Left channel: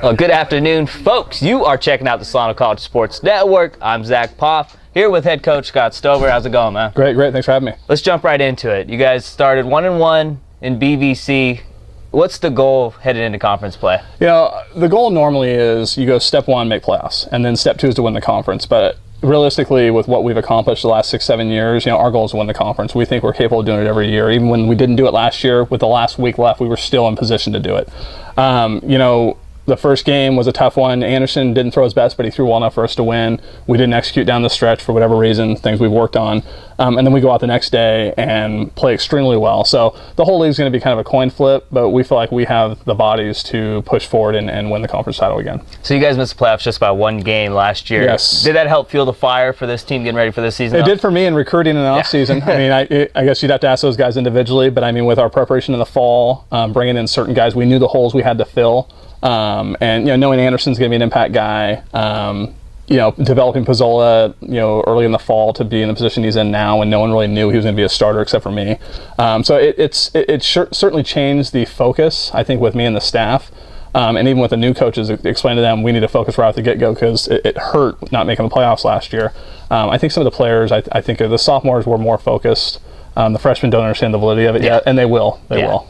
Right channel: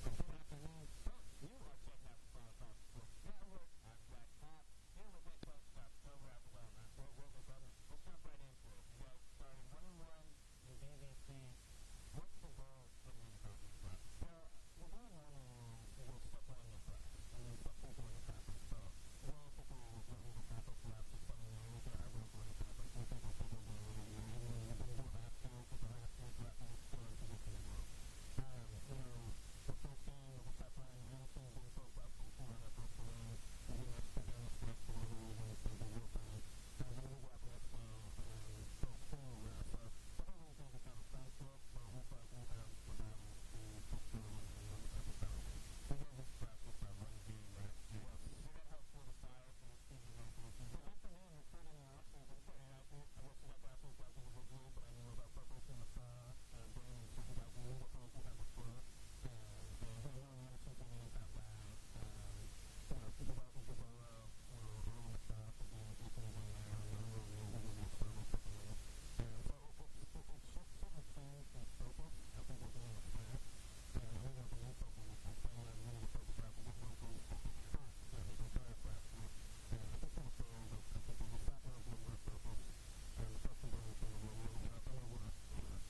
Well, good afternoon, folks. You are checking out the Solano College Sports Network. I'm Zack Poff, here with head coach Scott Stover. How's it going, man? Great. Thanks for having me. Let's jump right into it. You guys started 1-1 in BVC. What's the goal headed into conference play? You know, the goal normally is you go step one, make playoffs, and then step two is to win the conference. But realistically, with what we've accomplished the last 6-7 years, you know, our goal is to win the conference. We think we're capable of doing it every year. Even when we didn't do it last year, with the last week left, we were still in position to do it. The first game was a tough one. Anderson didn't throw his best, but he threw well enough for us to win. We didn't execute down the stretch for whatever reason, things we've worked on. And then we go out the next day and play extremely well. So the whole league's going to be kind of a coin flip, but we feel like we have the bodies to push forward and win the conference title again. So you guys missed the playoffs just by one game last year. Yes. Did that help fuel the fire for this team getting ready for this season? It did for me in recruiting in the offseason. I guess you'd have to ask those guys individually, but I mean, with our preparation in the fall, bringing in certain guys, we knew the holes we had to fill. And knowing Anderson's going to be an impact guy, developing Pizzola, early in the fall to be in the position he's in now, and no one really knew he was going to be a starter except for me. So it certainly changed the focus, I think, with me and the staff. And even with the new coaches, explain to them we need to focus right off the get-go because it hurt not making the playoffs last year. I think some of the players, I think the sophomores were more focused. The freshmen don't understand the validity of it yet, and they will. They will.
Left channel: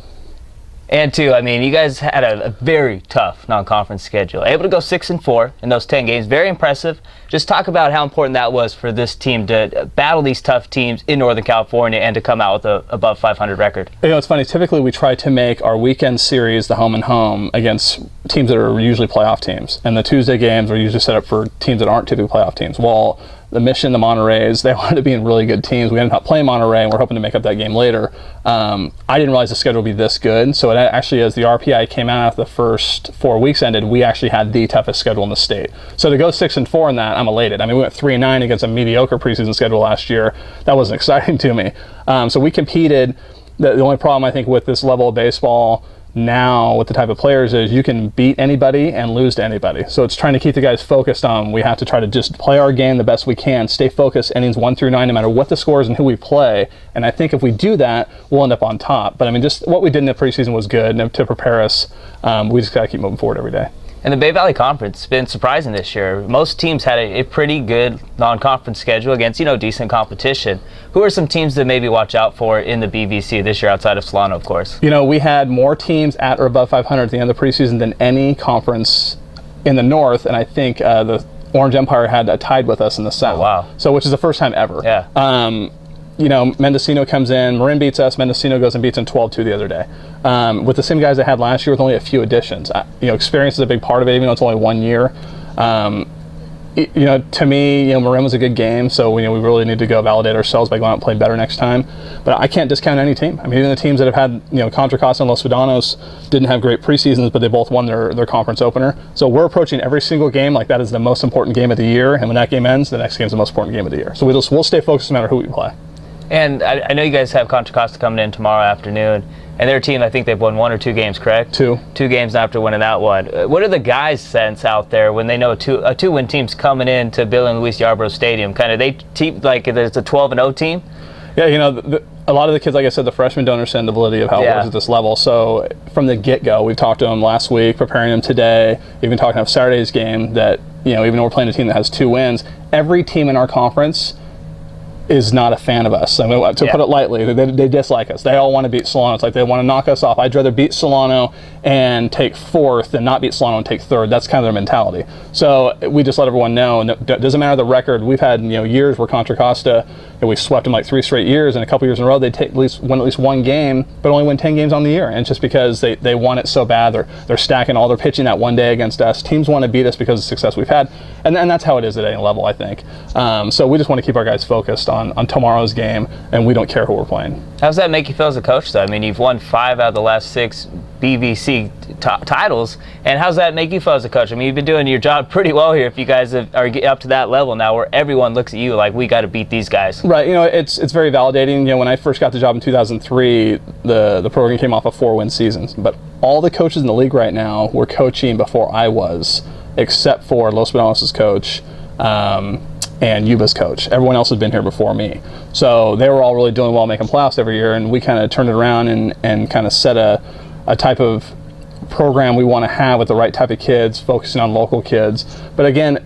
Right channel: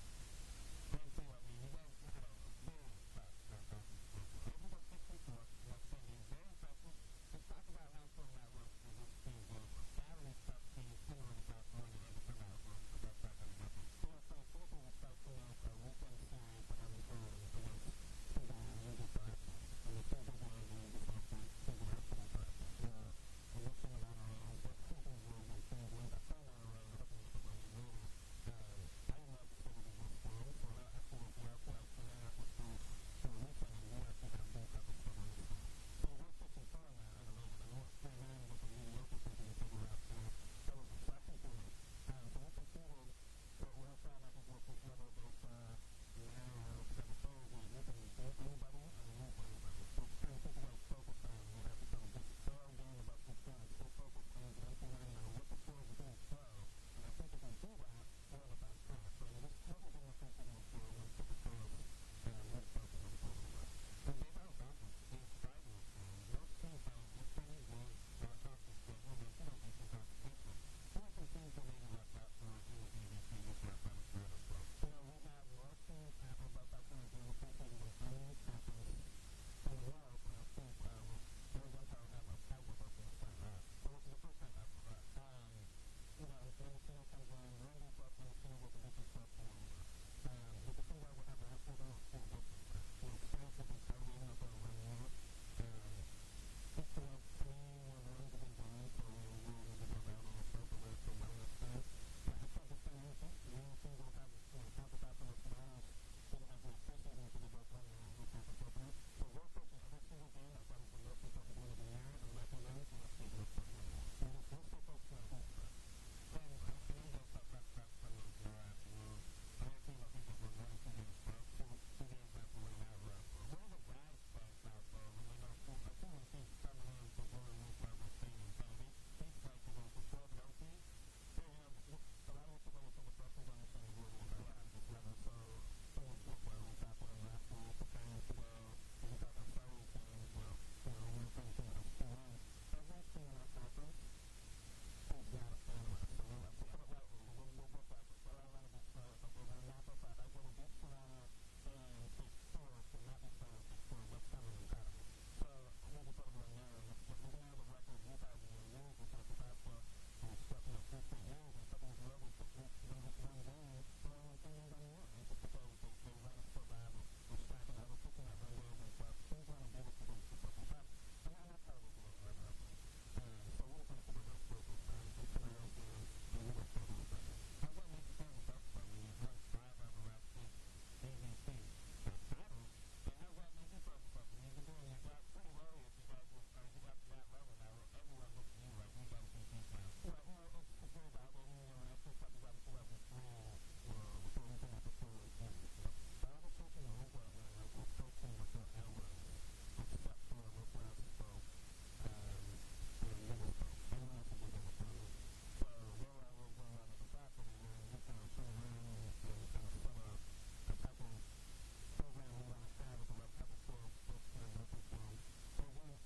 And two, you guys had a very tough non-conference schedule. Able to go 6-4 in those 10 games. Very impressive. Just talk about how important that was for this team to battle these tough teams in Northern California and to come out with a above 500 record. It's funny. Typically, we try to make our weekend series the home and home against teams that are usually playoff teams. And the Tuesday games are usually set up for teams that aren't typically playoff teams. Well, the Mission, the Monterreys, they wanted to be in really good teams. We ended up playing Monterrey, and we're hoping to make up that game later. I didn't realize the schedule would be this good. So it actually, as the RPI came out after the first 4 weeks ended, we actually had the toughest schedule in the state. So to go 6-4 in that, I'm elated. We went 3-9 against a mediocre preseason schedule last year. That wasn't exciting to me. So we competed. The only problem, I think, with this level of baseball now with the type of players is you can beat anybody and lose to anybody. So it's trying to keep the guys focused on we have to try to just play our game the best we can, stay focused innings 1 through 9 no matter what the score is and who we play. And I think if we do that, we'll end up on top. But just what we did in the preseason was good, and to prepare us, we just got to keep moving forward every day. And the Bay Valley Conference has been surprising this year. Most teams had a pretty good non-conference schedule against, decent competition. Who are some teams to maybe watch out for in the BVC this year outside of Solano, of course? We had more teams at or above 500 at the end of the preseason than any conference in the North, and I think the Orange Empire had tied with us in the South. Oh, wow. So, which is the first time ever. Yeah. Mendocino comes in, Marin beats us, Mendocino goes and beats them 12-2 the other day. With the same guys they had last year with only a few additions. Experience is a big part of it, even though it's only 1 year. To me, Marin was a good game, so we really need to go validate ourselves by going out and playing better next time. But I can't discount any team. Even the teams that have had, Contra Costa and Los Vedanos didn't have great preseasons, but they both won their conference opener. So we're approaching every single game like that is the most important game of the year, and when that game ends, the next game is the most important game of the year. So we'll stay focused no matter who we play. And I know you guys have Contra Costa coming in tomorrow afternoon, and their team, I think they've won 1 or 2 games, correct? 2. 2 games after winning that one. What are the guys' sense out there when they know a 2-win team's coming in to Bill and Luis Yarbrough Stadium? Kind of it's a 12-0 team? Yeah, a lot of the kids, like I said, the freshmen don't understand the validity of how it works at this level. So from the get-go, we've talked to them last week, preparing them today, even talking about Saturday's game that, even though we're playing a team that has 2 wins, every team in our conference is not a fan of us. To put it lightly, they dislike us. They all want to beat Solano. It's like they want to knock us off. I'd rather beat Solano and take 4th than not beat Solano and take 3rd. That's kind of their mentality. So we just let everyone know, and it doesn't matter the record. We've had years where Contra Costa, we swept them like 3 straight years, and a couple years in a row they'd win at least 1 game, but only win 10 games on the year. And it's just because they want it so bad. They're stacking all their pitching that one day against us. Teams want to beat us because of the success we've had, and that's how it is at any level, I think. So we just want to keep our guys focused on tomorrow's game, and we don't care who we're playing. How does that make you feel as a coach, though? You've won 5 out of the last 6 BVC titles, and how does that make you feel as a coach? You've been doing your job pretty well here if you guys are up to that level now where everyone looks at you like, we got to beat these guys. Right, it's very validating. When I first got the job in 2003, the program came off of 4-win seasons, but all the coaches in the league right now were coaching before I was, except for Los Banos' coach, and Yuba's coach. Everyone else had been here before me. So they were all really doing well, making playoffs every year, and we kind of turned it around and kind of set a type of program we want to have with the right type of kids, focusing on local kids. But again,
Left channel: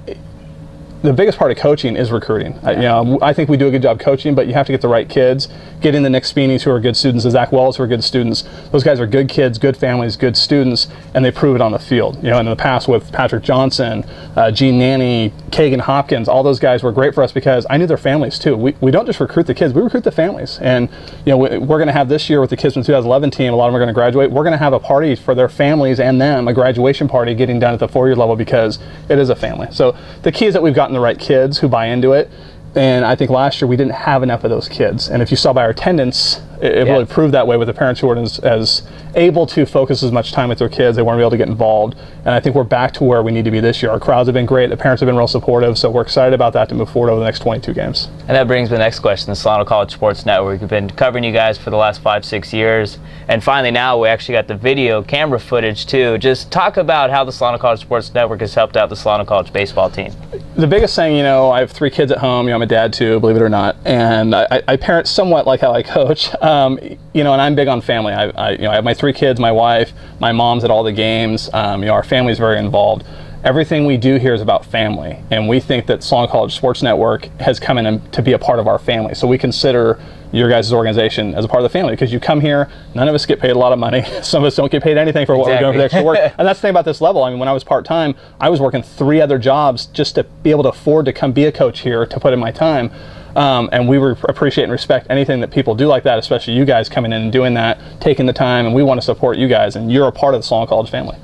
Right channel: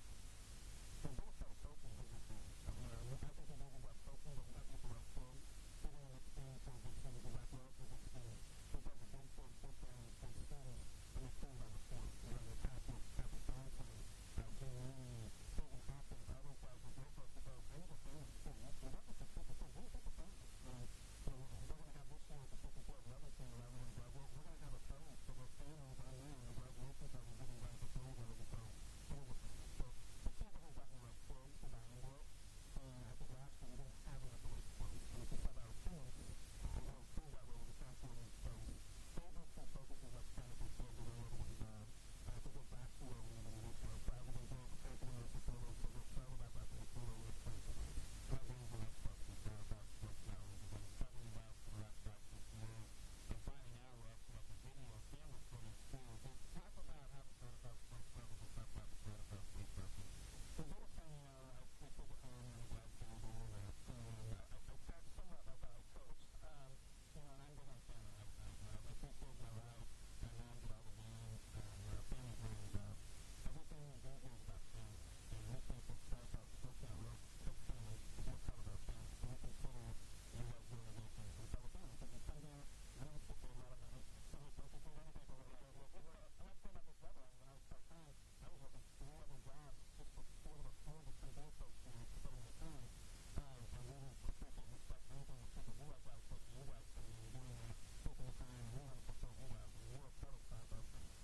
the biggest part of coaching is recruiting. I think we do a good job coaching, but you have to get the right kids. Getting the Nick Speeneys who are good students, the Zack Wells who are good students. Those guys are good kids, good families, good students, and they prove it on the field. And in the past with Patrick Johnson, Gene Nanny, Kagan Hopkins, all those guys were great for us because I knew their families too. We don't just recruit the kids, we recruit the families. And we're going to have this year with the kids from the 2011 team, a lot of them are going to graduate. We're going to have a party for their families and them, a graduation party getting done at the 4-year level because it is a family. So the key is that we've gotten the right kids who buy into it. And I think last year we didn't have enough of those kids. And if you saw by our attendance, it really proved that way with the parents who weren't as able to focus as much time with their kids. They weren't able to get involved. And I think we're back to where we need to be this year. Our crowds have been great. The parents have been real supportive. So we're excited about that to move forward over the next 22 games. And that brings me to the next question. The Solano College Sports Network. We've been covering you guys for the last 5-6 years. And finally now we actually got the video camera footage too. Just talk about how the Solano College Sports Network has helped out the Solano College baseball team. The biggest thing, I have 3 kids at home. I'm a dad too, believe it or not. And I parent somewhat like how I coach. And I'm big on family. I have my 3 kids, my wife, my mom's at all the games. Our family's very involved. Everything we do here is about family, and we think that Solano College Sports Network has come in to be a part of our family. So we consider your guys' organization as a part of the family because you come here, none of us get paid a lot of money. Some of us don't get paid anything for what we're doing for the extra work. And that's the thing about this level. When I was part-time, I was working 3 other jobs just to be able to afford to come be a coach here, to put in my time. And we appreciate and respect anything that people do like that, especially you guys coming in and doing that, taking the time, and we want to support you guys, and you're a part of the Solano College family.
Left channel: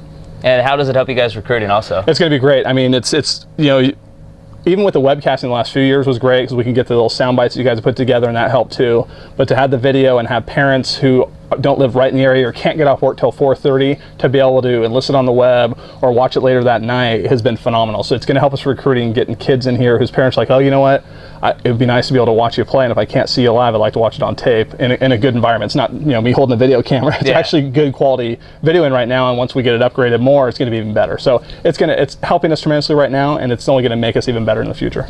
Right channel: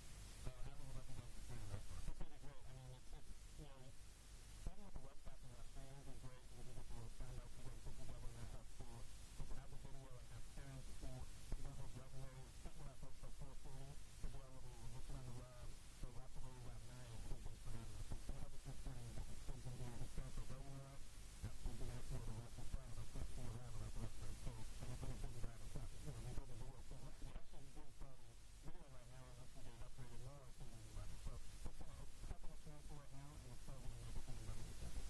And how does it help you guys recruiting also? It's going to be great. It's even with the webcasting the last few years was great because we can get the little sound bites that you guys have put together, and that helped too. But to have the video and have parents who don't live right in the area or can't get off work till 4:30 to be able to enlist it on the web or watch it later that night has been phenomenal. So it's going to help us recruiting, getting kids in here whose parents are like, oh, you know what? It would be nice to be able to watch you play, and if I can't see you live, I'd like to watch it on tape in a good environment. It's not me holding a video camera. It's actually good quality videoing right now, and once we get it upgraded more, it's going to be even better. So it's helping us tremendously right now, and it's only going to make us even better in the future.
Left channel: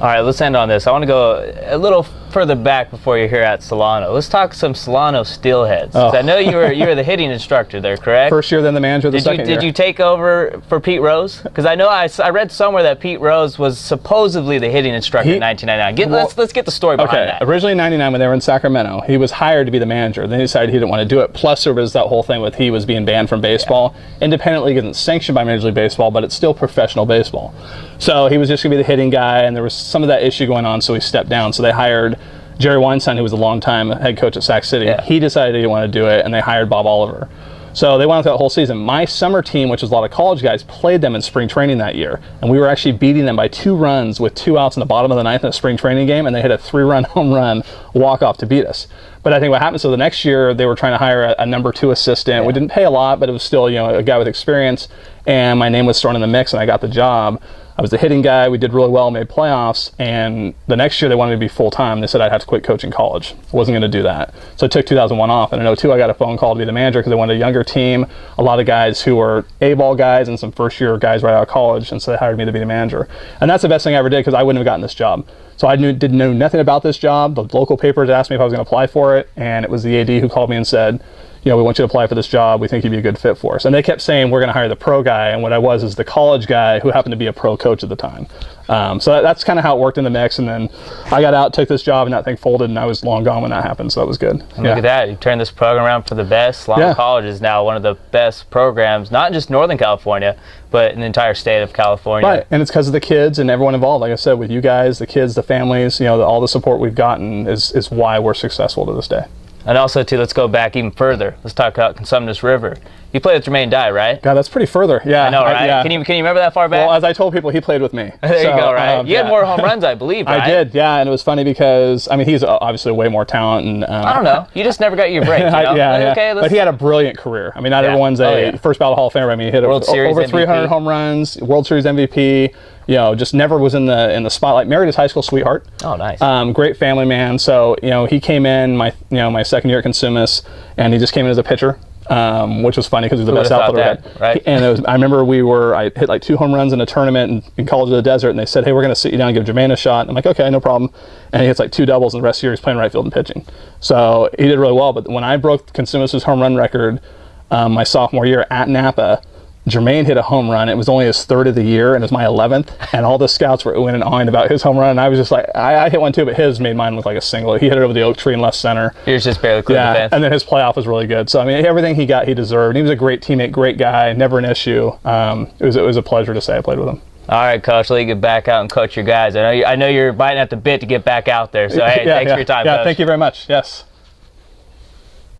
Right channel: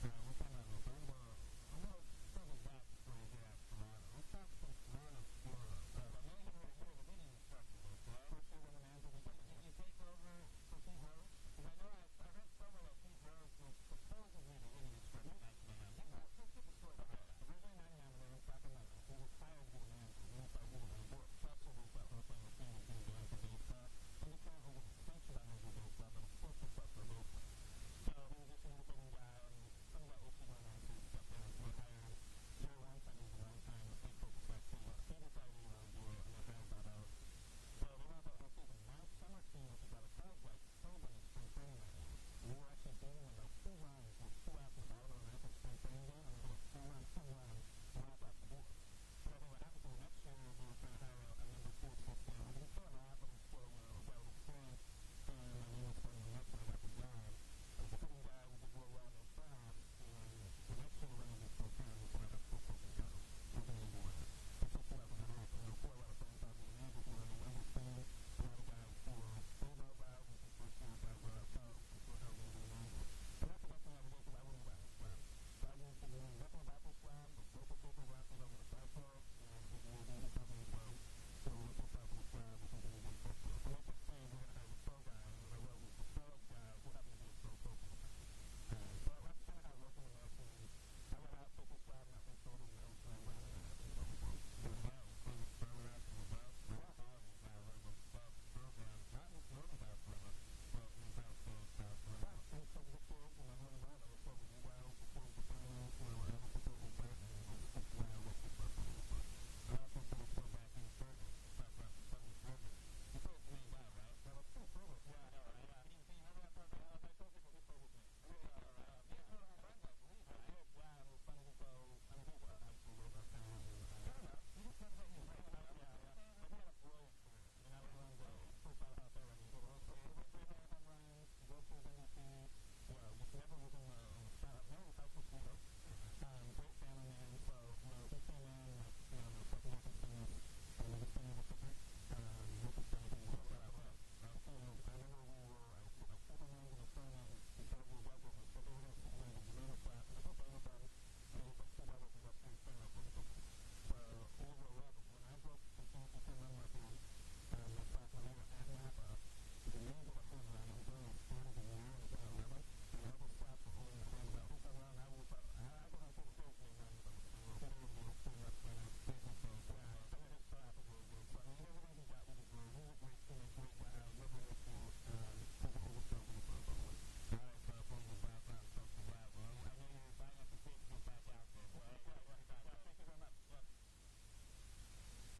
All right, let's end on this. I want to go a little further back before you're here at Solano. Let's talk some Solano Steelheads. Oh. I know you were the hitting instructor there, correct? First year, then the manager the second year. Did you take over for Pete Rose? Because I know I read somewhere that Pete Rose was supposedly the hitting instructor in 1999. Let's get the story behind that. Originally in 99 when they were in Sacramento, he was hired to be the manager. Then he decided he didn't want to do it. Plus there was that whole thing with he was being banned from baseball. Yeah. Independent League isn't sanctioned by Major League Baseball, but it's still professional baseball. So he was just going to be the hitting guy, and there was some of that issue going on, so he stepped down. So they hired Jerry Weinstein, who was a longtime head coach at Sac City. Yeah. He decided he didn't want to do it, and they hired Bob Oliver. So they went through that whole season. My summer team, which was a lot of college guys, played them in spring training that year. And we were actually beating them by 2 runs with 2 outs in the bottom of the 9th in a spring training game, and they hit a 3-run home run walk-off to beat us. But I think what happened, so the next year they were trying to hire a number 2 assistant. Yeah. We didn't pay a lot, but it was still a guy with experience. And my name was thrown in the mix, and I got the job. I was the hitting guy. We did really well, made playoffs, and the next year they wanted me to be full-time. They said I'd have to quit coaching college. I wasn't going to do that. So I took 2001 off, and in 2002 I got a phone call to be the manager because they wanted a younger team, a lot of guys who were A-ball guys and some first-year guys right out of college, and so they hired me to be the manager. And that's the best thing I ever did because I wouldn't have gotten this job. So I didn't know nothing about this job. The local papers asked me if I was going to apply for it, and it was the AD who called me and said, we want you to apply for this job. We think you'd be a good fit for us. And they kept saying, we're going to hire the pro guy. And what I was is the college guy who happened to be a pro coach at the time. So that's kind of how it worked in the mix. And then I got out, took this job, and that thing folded, and I was long gone when that happened. So that was good. And look at that. You turned this program around for the best. Solano College is now one of the best programs, not just Northern California, but in the entire state of California. Right. And it's because of the kids and everyone involved. Like I said, with you guys, the kids, the families, all the support we've gotten is why we're successful to this day. And also, too, let's go back even further. Let's talk about Consumnes River. You played with Jermaine Dye, right? God, that's pretty further. Yeah. I know, right? Yeah. Can you remember that far back? Well, as I told people, he played with me. There you go, right? You had more home runs, I believe, right? I did, yeah. And it was funny because, he's obviously way more talent. And I don't know. You just never got your break, yeah. Okay, but he had a brilliant career. Not everyone's a first ballot Hall of Famer. He hit World Series over 300 home runs, World Series MVP. Just never was in the spotlight. Married his high school sweetheart. Oh, nice. Great family man. So he came in my second year at Consumnes, and he just came in as a pitcher, which was funny because he was the best outfielder we had. Right. And I remember I hit like 2 home runs in a tournament in College of the Desert, and they said, hey, we're going to sit you down and give Jermaine a shot. And I'm like, okay, no problem. And he hits like 2 doubles, and the rest of the year he's playing right field and pitching. So he did really well. But when I broke Consumnes' home run record, my sophomore year at Napa. Jermaine hit a home run. It was only his 3rd of the year, and it was my 11th. And all the scouts were oohing and awing about his home run. And I was just like, I hit one too, but his made mine look like a single. He hit it over the oak tree in left center. Yours just barely cleared the fence. And then his playoff was really good. So I mean, everything he got, he deserved. He was a great teammate, great guy, never an issue. It was a pleasure to say I played with him. All right, Coach, let you get back out and coach your guys. I know you're biting at the bit to get back out there. So hey, thanks for your time, Yeah, Coach. thank you very much. Yes.